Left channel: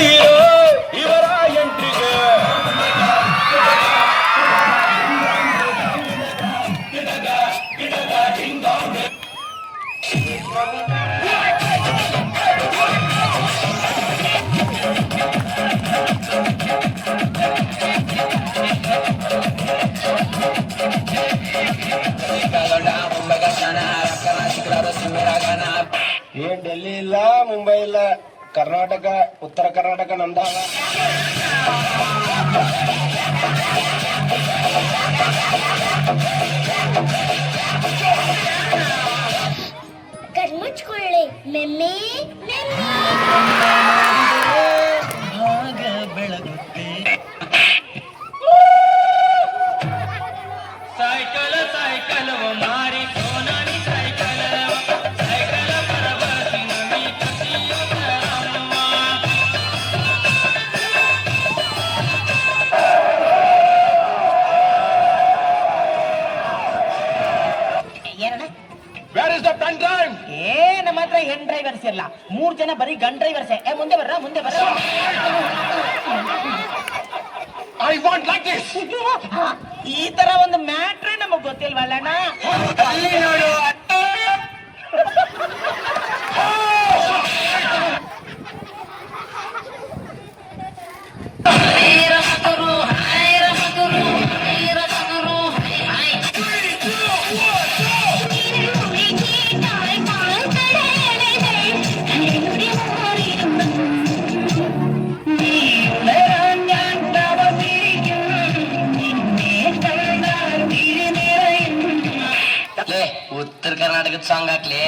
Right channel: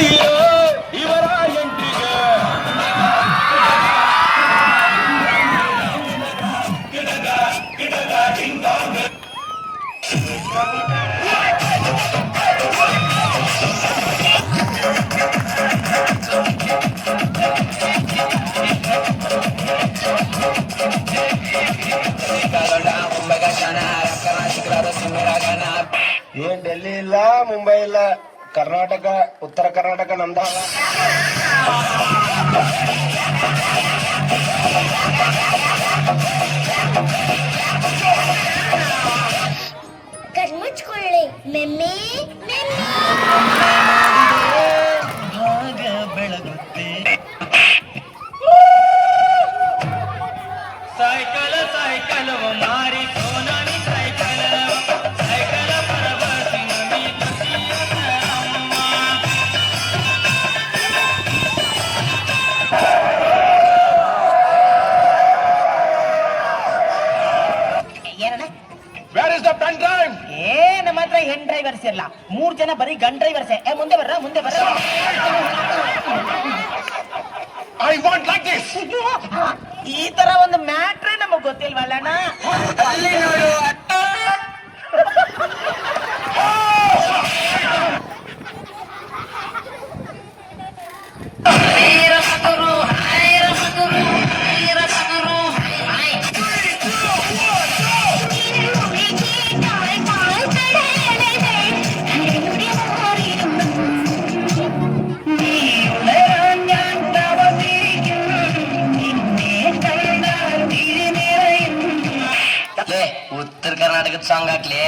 ಅಯ್ಯೋ ಇವರ ಎಂಟಿಗೆ ಏನ್ ಡೆಲ್ಲಿ ಇಲ್ಲ, ಮುಂಬೈ ಇಲ್ಲ, ಕರ್ನಾಟಕ, ಉತ್ತರ ಕರ್ನಾಟಕ ನಮ್ದಾಗ. ಕಣ್ಮುಚ್ಕೊಳ್ಳಿ ಮೆಮ್ಮೆ ಬೆಳಗುತ್ತೆ ಸೈಕಲ್ ಸೈಕಲ್ ಮಾರಿ ಸೋನಾಲಿ ಸೈಕಲ್ ಸೈಕಲ್ ಪರಬಾಸಿ ನಮಿ ಕಸಿಯಮ್ಮ ಏನಣ್ಣ Where is the pen time? ನಮ್ಮ ಹತ್ರ ಹೆಣ್ ಡ್ರೈವರ್ಸ್ ಇಲ್ಲ, 3 ಜನ ಬರೀ ಗನ್ ಡ್ರೈವರ್ಸ್. ಮುಂದೆ ಬರ್ರ ಮುಂದೆ ಬರ್ರ. I want like this. ಈ ತರ ಒಂದು ಮ್ಯಾಟ್ರೇ ನಮಗ್ ಗೊತ್ತಿಲ್ವಲ್ಲಣ್ಣ. ಅಲ್ಲಿ ನೋಡು ಉತ್ತರ ಕರ್ನಾಟಕದ ಸಾಂಗ್ ಹಾಕ್ಲಿ.